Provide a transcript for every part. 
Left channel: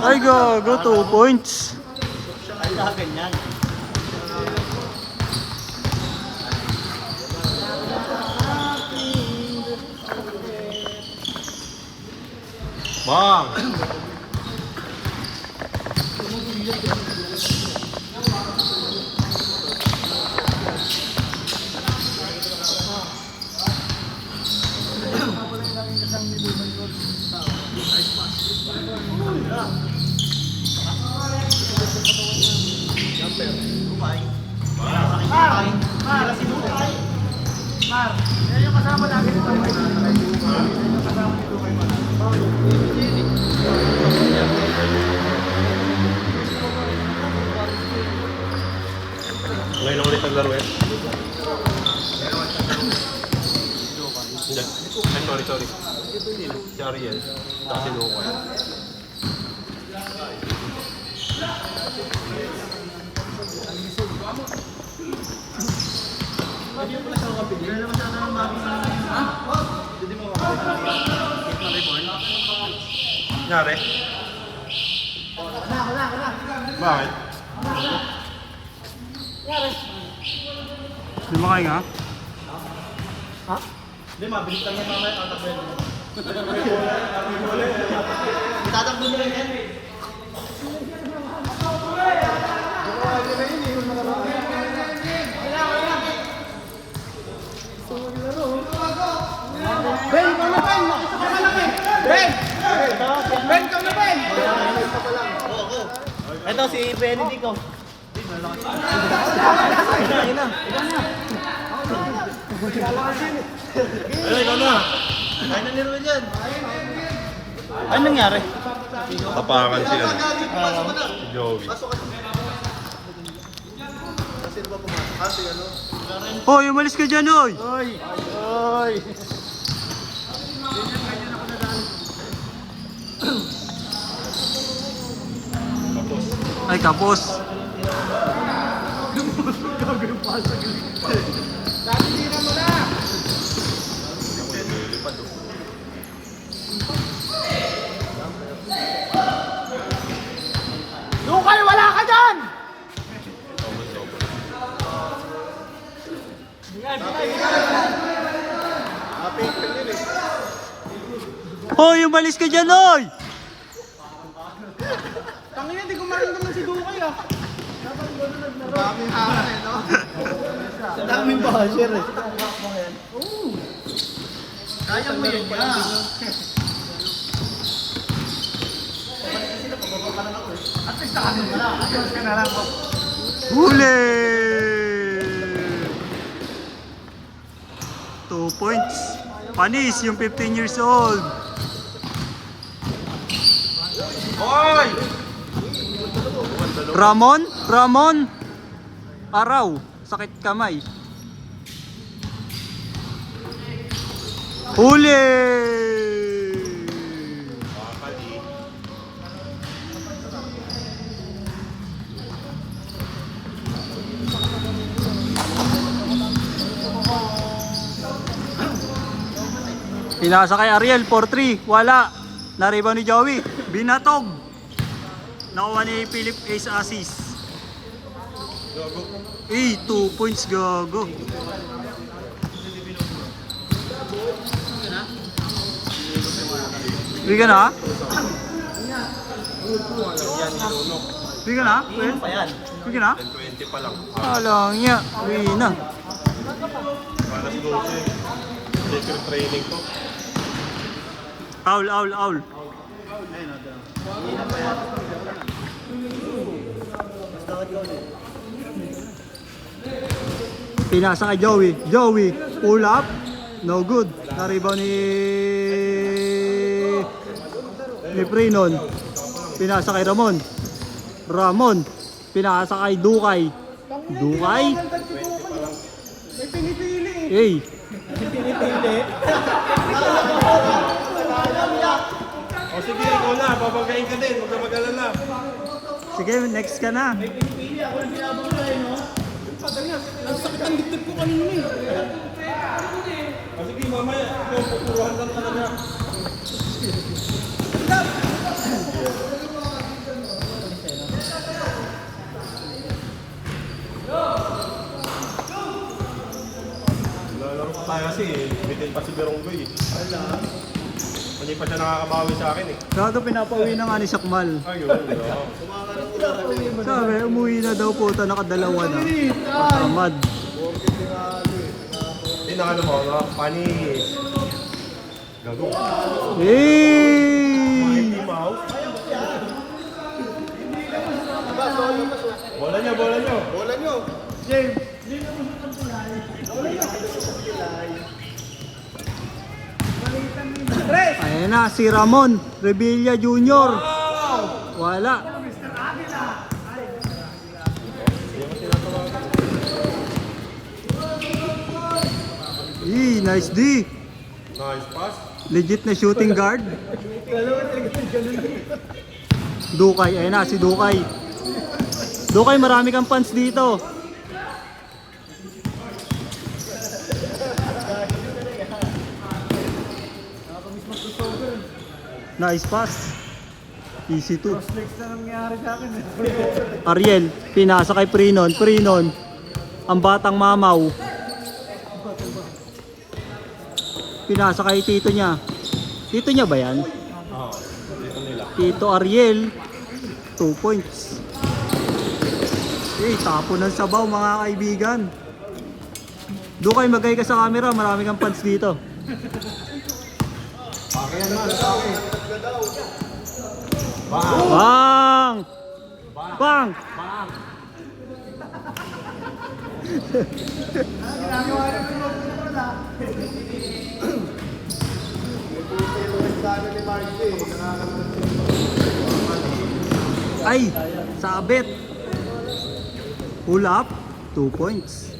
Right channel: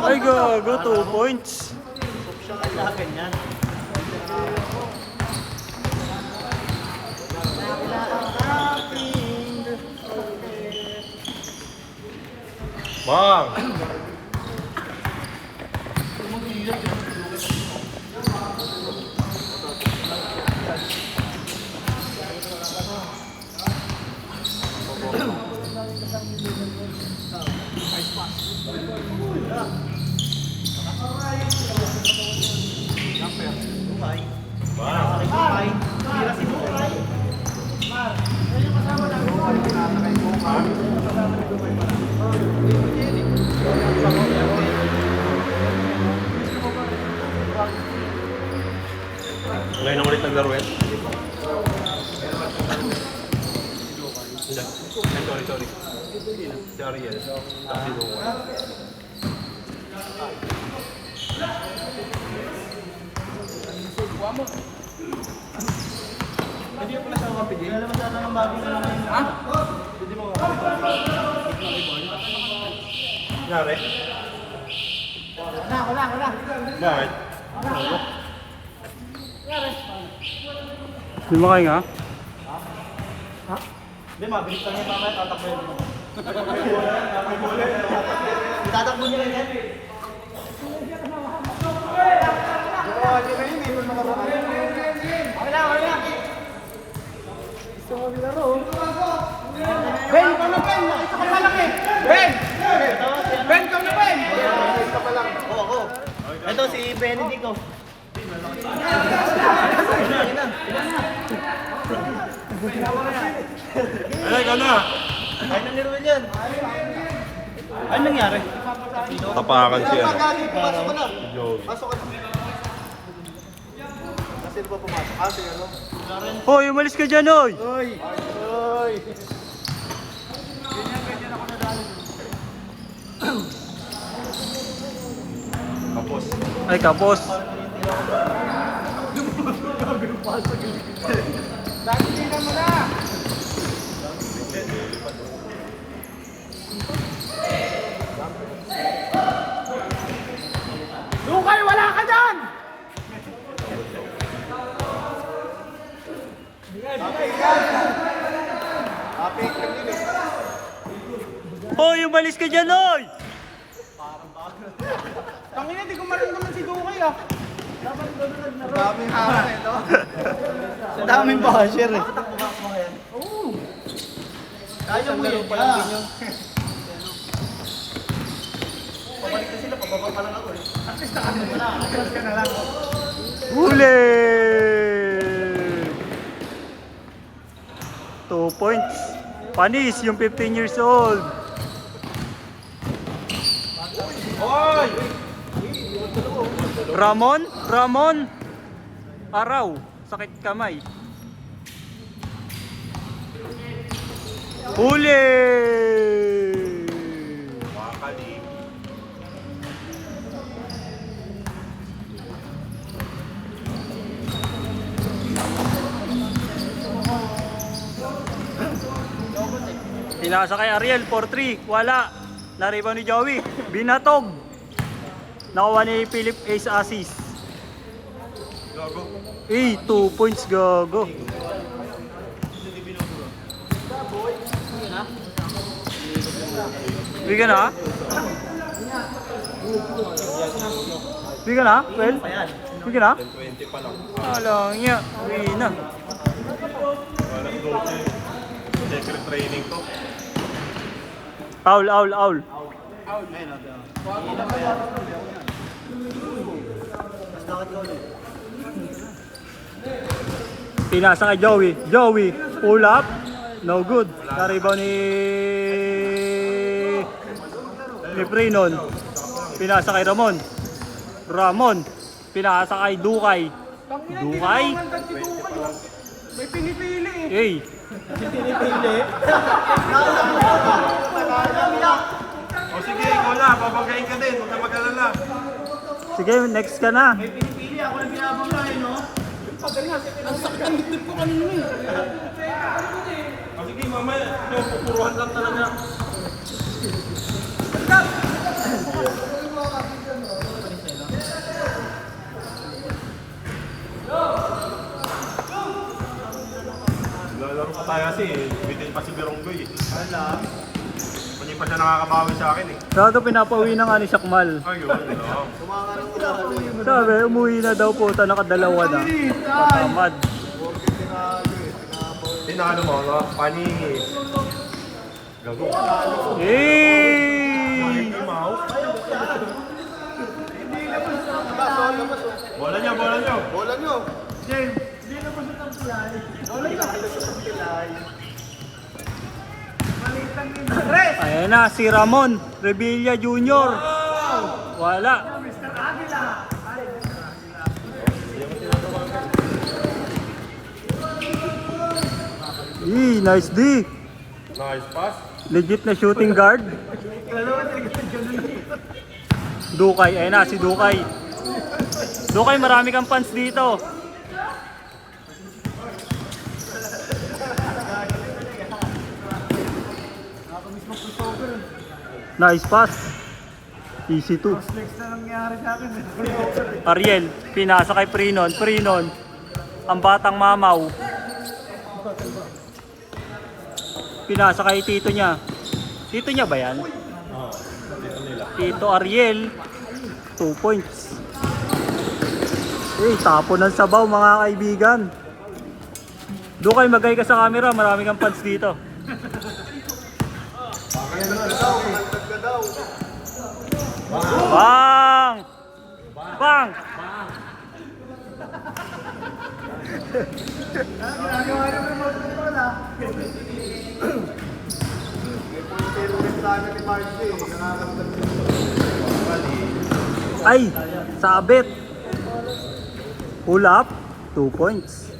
Ay, go 2 points. Ganyan. Bang! Nangyari? Bakit? Di makahinga? Hindi, mabilis lang yung mga tatakbo yun. Tatakbo nila yan. Ito si Benedico. Ikaw na! Ay, nanilo yan. Ano nangyari? Tapakan siya. Joey. Hoy, umalis ka dyan, oy! Oy! Oy! Ay, kapos. Lukay, wala ka dyan! Hoy, umalis ka dyan, oy! Tangina, hindi ko maramdaman si Lukay ah. Ang daming haka eh, no? Ang daming basher eh. Kaya mo yan nga. Pabalik na sila, pababa pa lang ako eh. At least nakano mo na, ayos ka na lang. Huli! 2 points. Panis, yung 15 years old. Hoy! Ramon? Araw, sakit kamay. Huli! Pinasa kay Ariel, 4-3, wala. Naribaw ni Joey, binatog. Nakuha ni Philip Ace assist. 2 points, gago. Bigyan na? Bigyan na? Well? Bigyan na? 20 pa lang. Alang niya, uwi na. Alas 12. Training. Aul. Pinasa kay Joey, pull up. No good. Naribaw ni Prenon. Pinasa kay Ramon. Pinasa kay Dukay. May pinipili. Hey. Pinipili. O sige, ikaw na. Babagayin ka din. Huwag ka mag-alala. Sige, next ka na. Pinipili ako yung binabangay, no? Ang sakit ang dibdib ko kanina eh. O sige, mamaya. Turuan lang talaga. Lalaro pa tayo kasi bitin pa si Bironggoy. Hindi pa siya nakakabawi sa akin eh. Saka pinapauwi na nga ni Sakmal. Ayun. Sabi, umuwi na daw po, nakadalawa na. Patamad. Tinalo mo mga panis. Gago. Hey! Timaw. Bola nyo, bola nyo. Bola nyo. Ayan na, si Ramon Revilla Jr. Wala. Nice D. Nice pass. Legit na shooting guard. Dukay, ayan na si Dukay. Dukay, marami kang fans dito. Nice pass. Easy to. Ariel, pinasa kay Prinon. Prinon, ang batang mamaw. Pinasa kay tito niya. Tito niya ba yan? Oo. Dito nila. Tito Ariel, 2 points. Tapo ng sabaw mga kaibigan. Doon kayo magay ka sa camera, marami kang fans dito. Pakihan mo, nasa Bang! Bang! Ginagawa nyo may mga control ah. Ay! Sabit! Pull up, 2 points.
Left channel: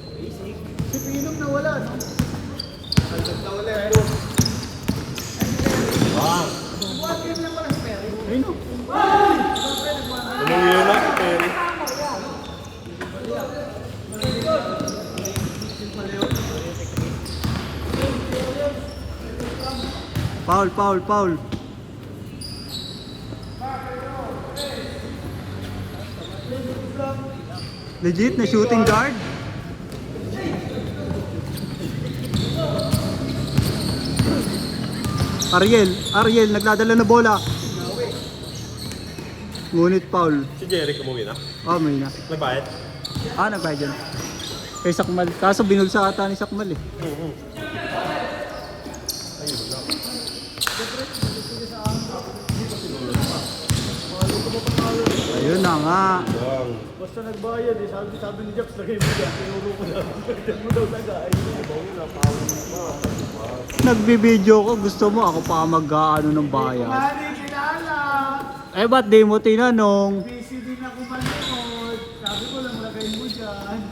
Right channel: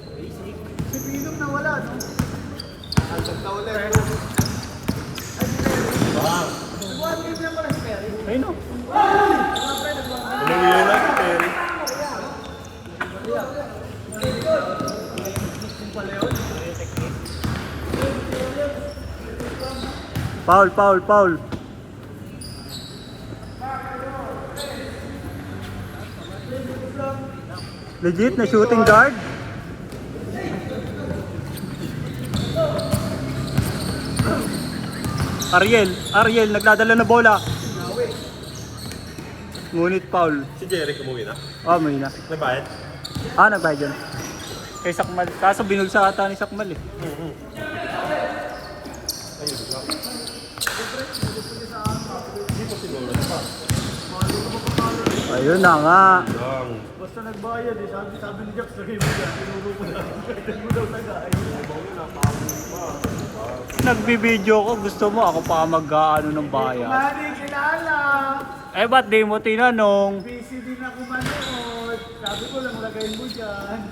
Ay no. Umuwi na si Perry. Foul, foul, foul. Legit na shooting guard. Ariel nagdadala na bola. Ngunit foul. Si Jeric umuwi na. May na. Nabayad? Nagbayad yun. Kay Sakmal. Kaso binulsa ata ni Sakmal eh. Ayun na nga. Basta nagbayad eh, sabi ni Jax lagay Nagbibideo ko, gusto mo ako pa mag-ano ng bayad. Mani, kilala. Eh ba't di mo tinanong? Busy din ako manood. Sabi ko lang lagay mo dyan.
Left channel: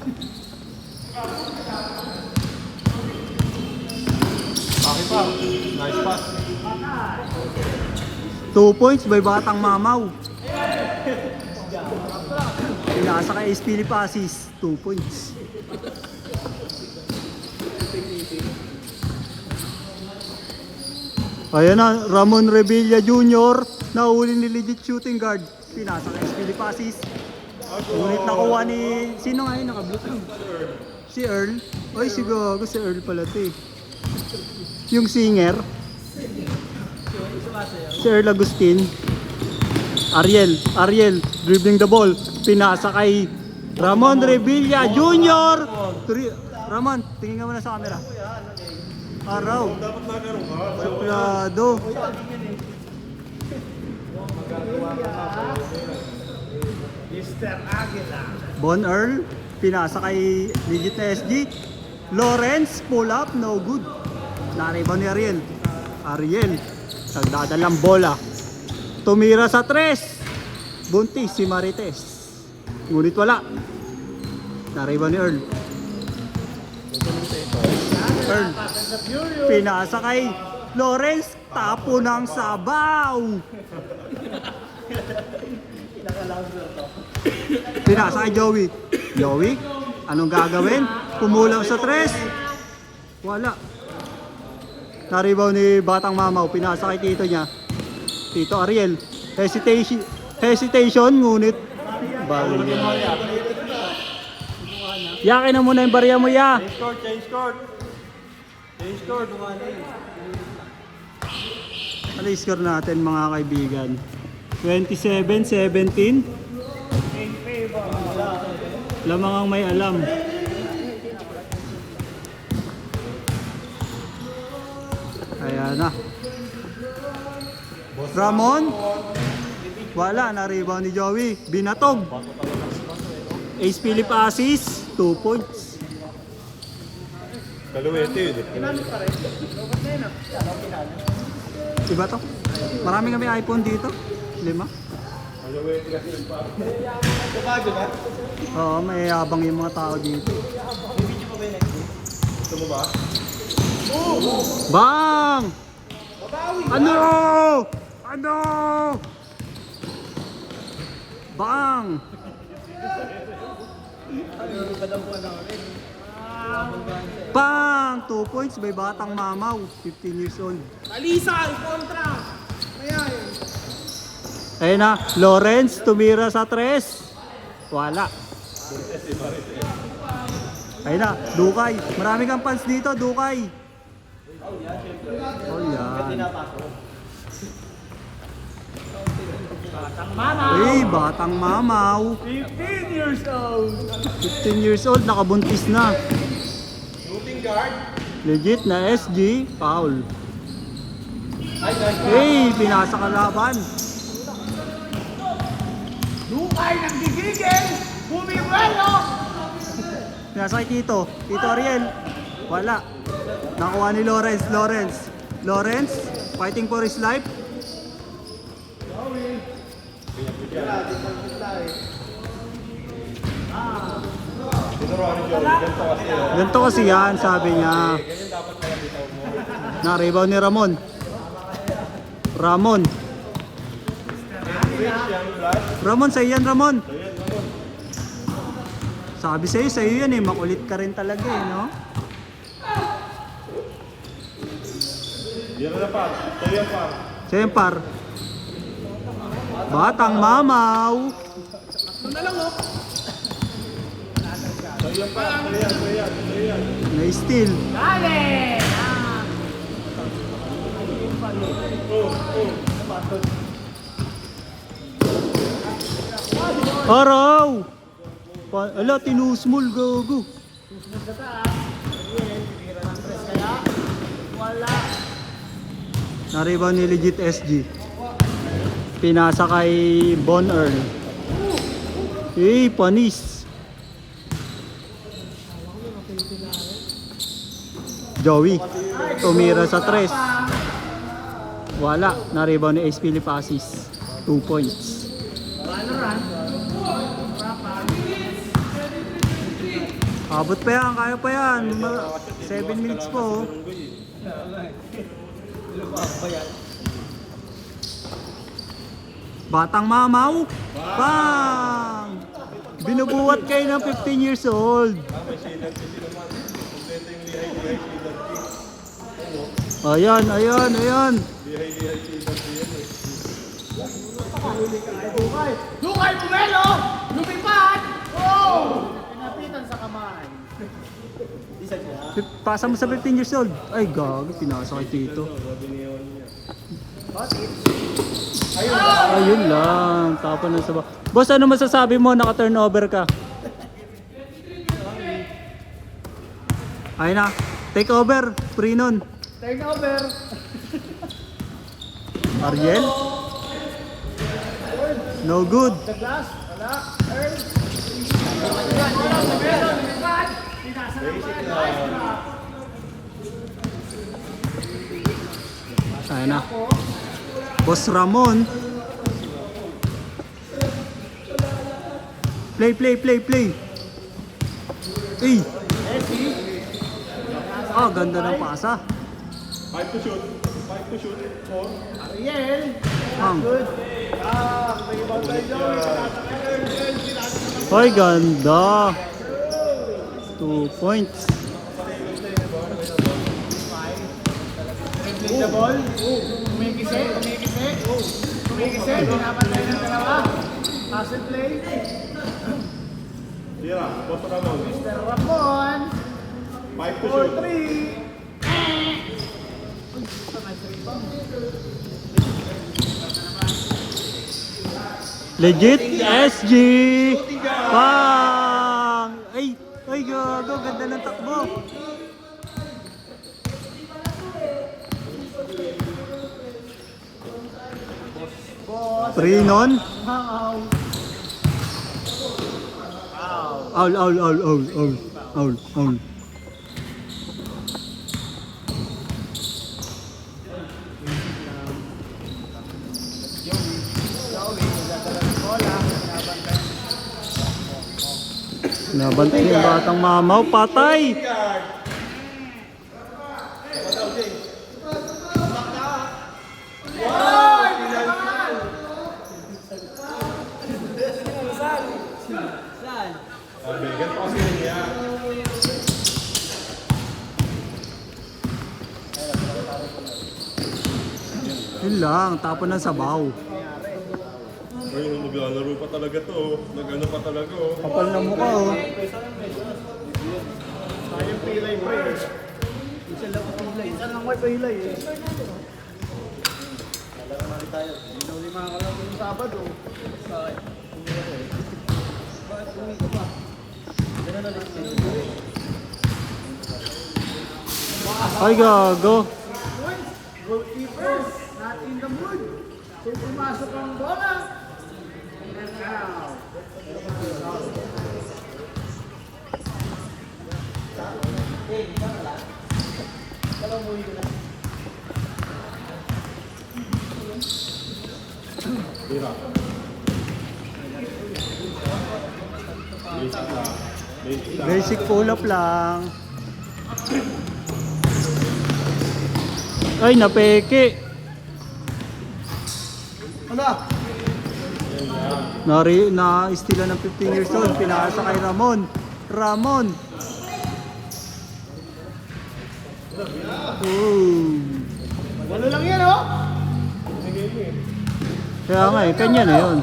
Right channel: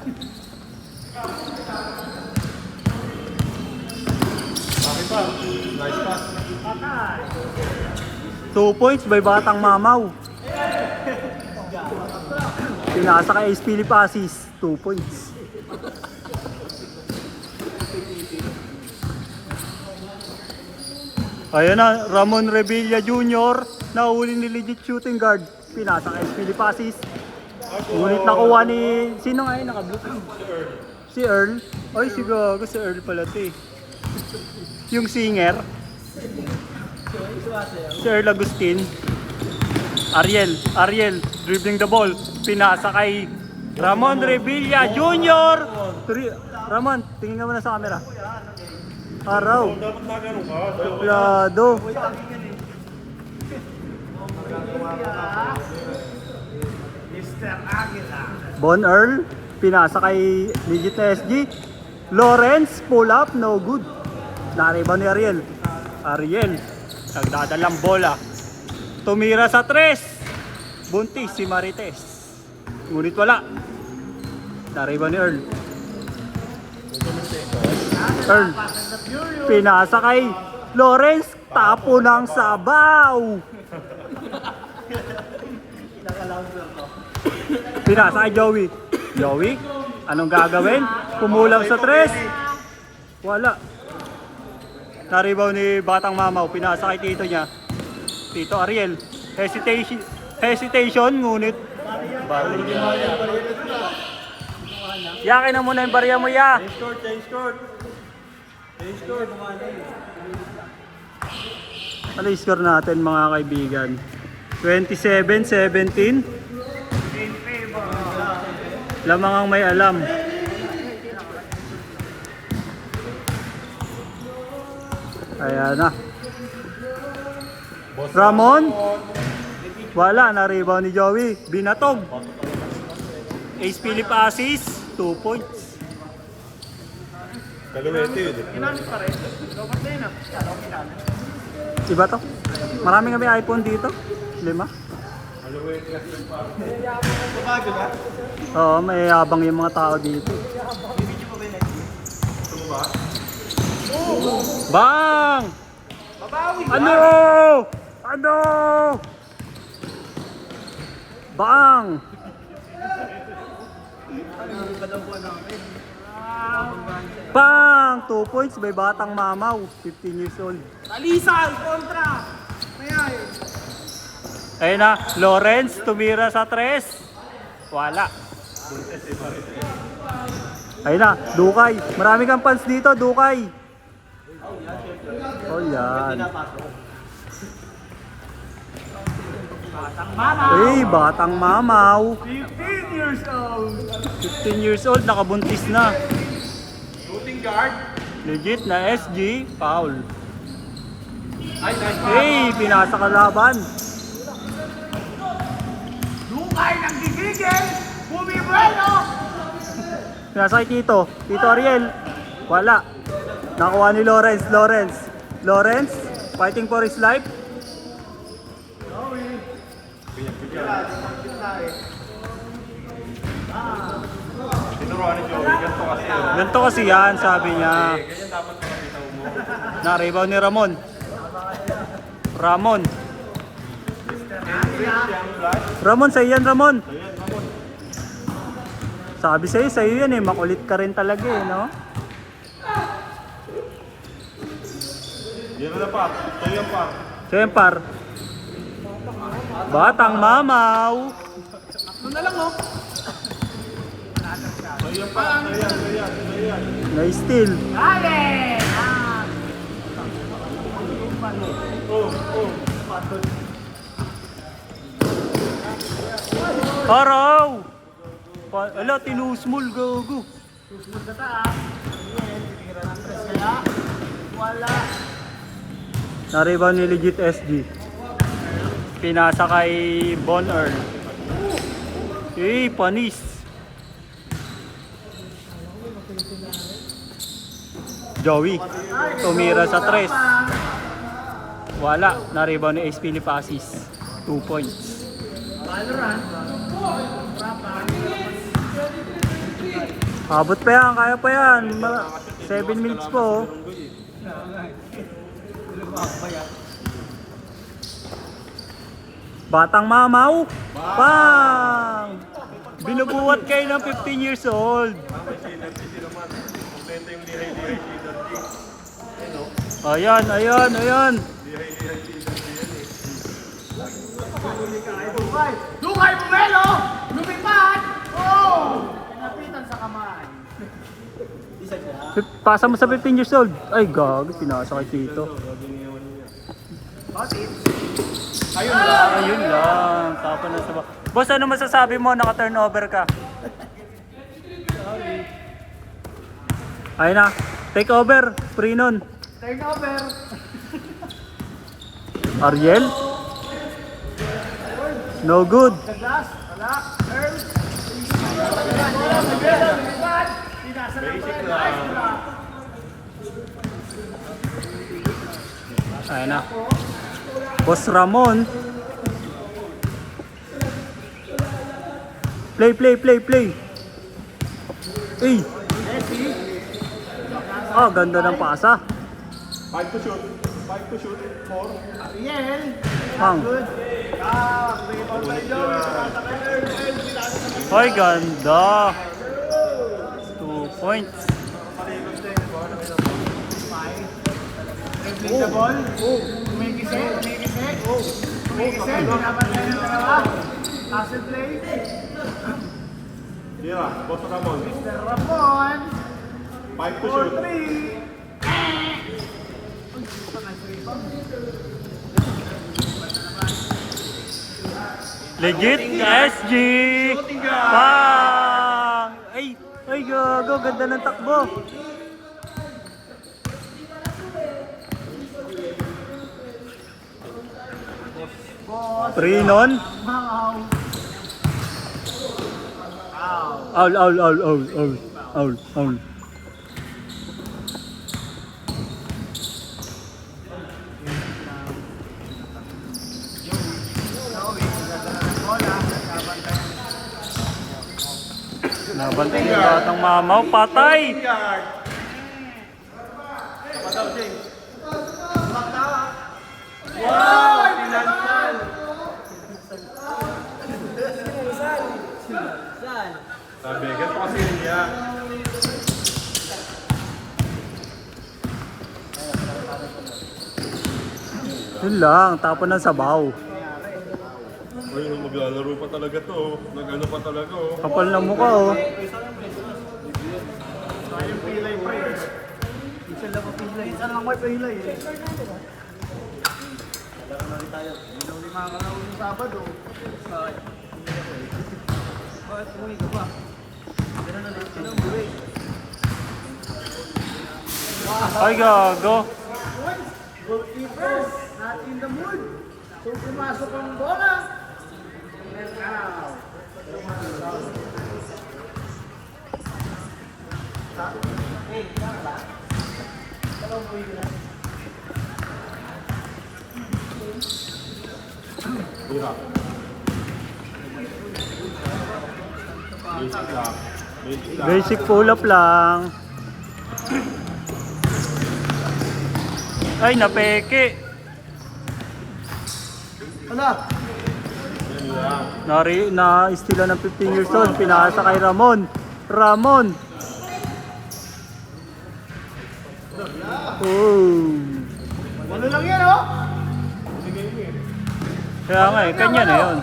Bakit pa? Nice pass. 2 points by Batang Mamaw. Pinasa kay Ace Philip Asis, 2 points. Ayan na, Ramon Revilla Jr. Nahuli ni legit shooting guard. Pinasa kay Ace Philip Asis. Ngunit nakuha ni... Sino nga yun naka-blue? Si Earl. Ay, si Gago, si Earl pala ito eh. Yung singer. Si Earl Agustin. Ariel, dribbling the ball. Pinasa kay Ramon Revilla Jr. Ramon, tingin ka muna sa camera. Araw. Dapat na ganun ka. Suplado. Bon Earl, pinasa kay Legit na SG. Lawrence, pull up, no good. Nariba ni Ariel. Nagdadalang bola. Tumira sa 3. Buntis si Marites. Ngunit wala. Nariba ni Earl. Pinasa kay Lawrence. Tapo ng sabaw. Pinasa kay Joey. Anong gagawin? Kumulang sa 3. Wala. Naribaw ni Batang Mamaw. Pinasa kay tito niya. Tito Ariel. Hesitation, ngunit bawal yan. Yakin na muna yung barya mo, ya. Ano yung score natin, mga kaibigan? 27-17. Lamang ang may alam. Ayan na. Ramon. Wala, na-rebound ni Joey. Binatog. Ace Philip assist. 2 points. Kaluwete yun eh. Iba to. Marami kami iPhone dito. 5. Oo, may habang yung mga tao dito. Bang! Ano? Ano? Bang! Bang! 2 points by Batang Mamaw, 15 years old. Alisal! Kontra! Ayan! Ayun na, Lawrence tumira sa 3. Wala. Ayun na, Dukay. Marami kang fans dito, Dukay. Oh, yan. Eh, Batang Mamaw. 15 years old! 15 years old, nakabuntis na. Legit na SG, foul. Hey, pinasa kalaban. Lukay ng gigigil! Bumibuelo! Pinasa kay Tito Ariel. Wala. Nakuha ni Lawrence, fighting for his life. Ganito kasi yan, sabi niya. Na-rebound ni Ramon, sa'yo yan, Ramon. Sabi sa'yo yan eh, makulit ka rin talaga eh, no? Yan na pa. Sa'yo pa. Sempar. Batang Mamaw. Na-steal. Araw! Ala, tinusmol, gago. Nariba ni Legit SG. Pinasa kay Bon Earl. Eh, panis. Joey tumira sa 3. Wala, na-rebound ni Ace Philip assist. 2 points. Abot pa yan, kaya pa yan. 7 minutes po. Batang Mamaw. Bang! Binubuhat kayo ng 15 years old. Ayan. Lukay Buelo! Lumipad! Oh! Pinapitan sa kamay. Pasa mo sa 15 years old. Ay, gago, pinasa kay Tito. Ayun lang, tapon na sa ba. Boss, ano masasabi mo? Naka-turnover ka. Ayun na, take over, free nun. Turnover! Ariel? No good. Ayun na. Boss Ramon. Play. Eh. Ah, ganda ng pasa. 5 to shoot. 4. Pang. Hoy, ganda. 2 points. Dira, boss ka daw. 5 to shoot. Legit SG! Bang! Ay gago, ganda ng takbo. Three non. Owl. Nabanti yung batang mamaw, patay! Sabi, ganito kasi niya. Yun lang, tapon ng sabaw. Ayun, maglalaro pa talaga to. Nag-ano pa talaga oh. Kapal ng mukha oh. Minsan lang may pilay eh. Ay gago. Goalkeeper, not in the mood. So pumasok ang bola. And now. Dira. Basic lang. Basic lang. Basic pull up lang. Ay, napeke. Hala. Na-istila ng 15 years old. Pinasa kay Ramon. Oh. Ano lang yun oh? Kaya nga eh, kanya na yun.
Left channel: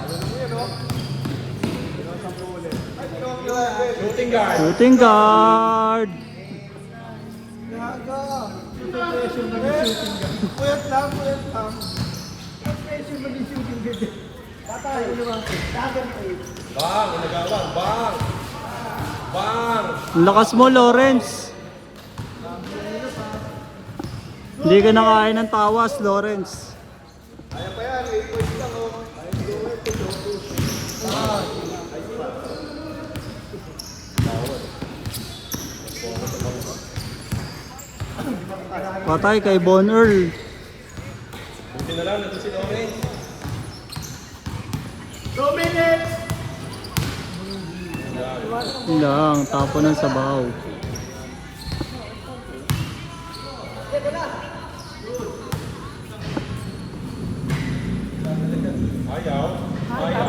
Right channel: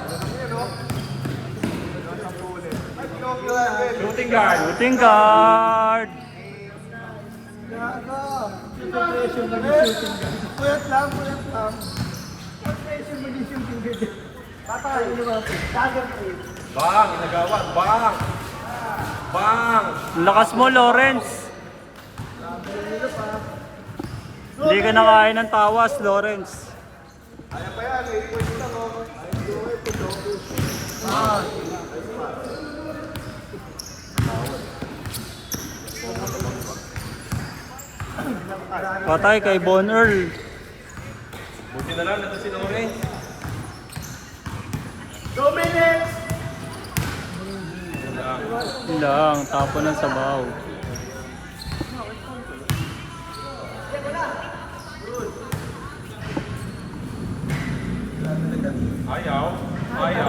Shooting guard. Gaga. Concentration mag-shooting ka. Puyat lang. Concentration mag-shooting ka. Patay, ano ba? Dagger play. Bang! Nagawan! Bang! Bang! Ang lakas mo, Lawrence. Hindi ka nakain ng tawas, Lawrence. Patay kay Von Earl. Buti na lang nato si Lawrence. 2 minutes! Yun lang, tapo ng sabaw.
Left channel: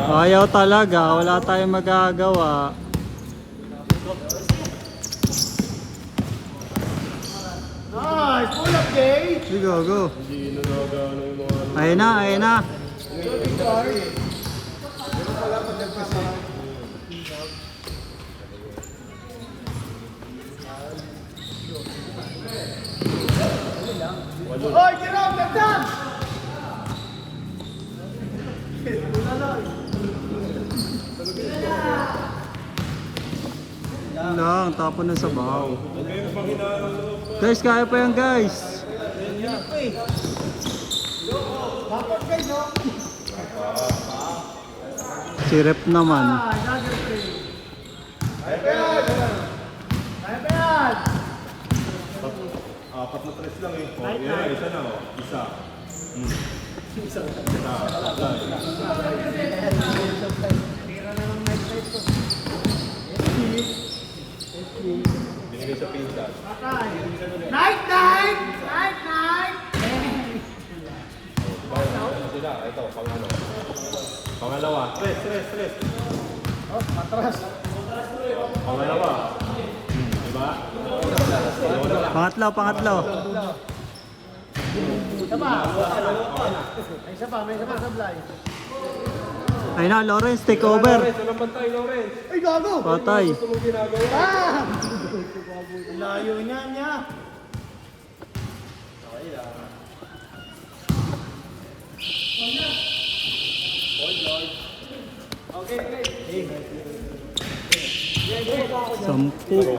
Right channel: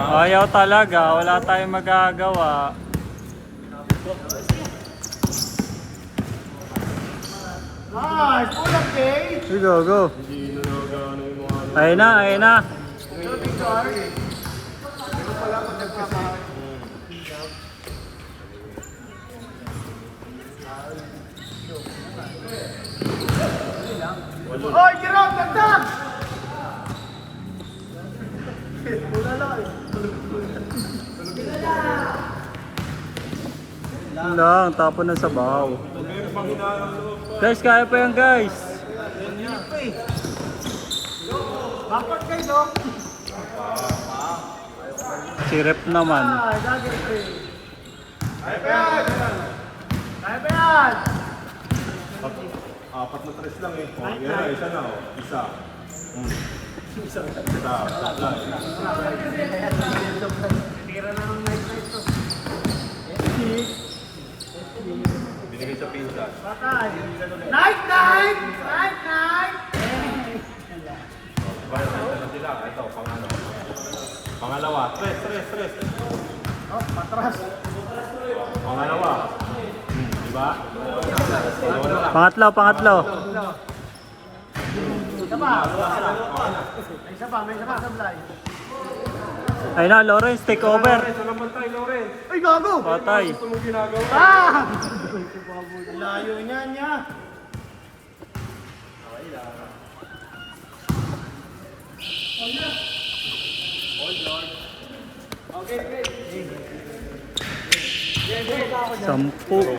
Ayaw talaga, wala tayong magagawa. Nice! Okay! Go. Hindi na nagano yung mga... Ayun na. Shooting guard. Hoy, Jerome, ganda! Yun lang, tapo ng sabaw. Huwag kayong panghinaan loob. Guys, kaya pa yan guys. Bakit kayo, Dok? Si Rep naman. Dagger play. Kaya pa yan! Apat na tres lang eh. Oh, yan na, isa na oh. Isa. Isa. Binigay sa pinsa. Patay. Night! Ito, pangalawa. Tres. Pangalawa. Pangatlo, pangatlo. Ayun na, Lawrence, take over. Ay, gago! Patay. Ah! Layo niya. Sampu.